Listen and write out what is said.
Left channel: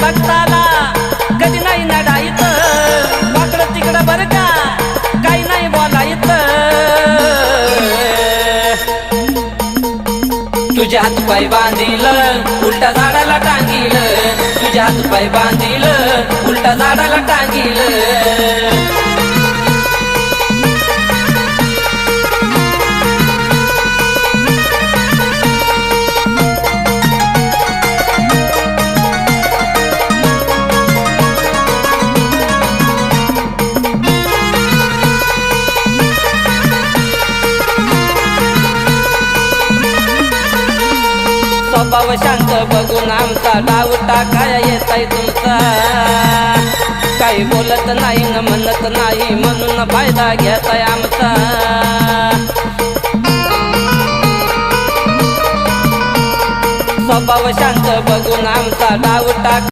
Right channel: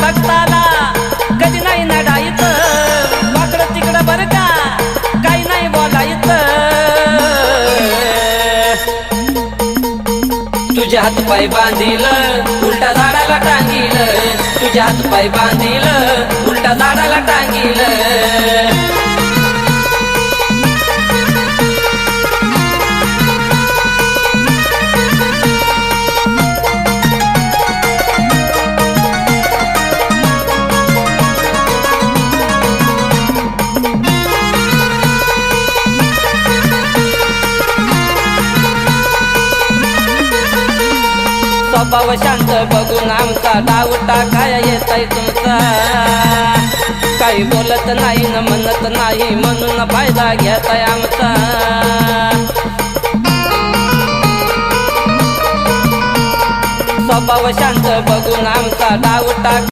भक्ताला कधी नाही नडायत वाकडं तिकडं बर का काही नाही बोलायत तुझ्या हात पाय बांधील उलटा झाडाला टांगील तुझ्या हात पाय बांधील उलटा झाडाला टांगील स्वभाव शांत बघून आमचा डाव टाकाया येताय तुमचा काही बोलत नाही न म्हणत नाही म्हणून फायदा घेताय आमचा स्वभाव शांत बघून आमचा डाव टाक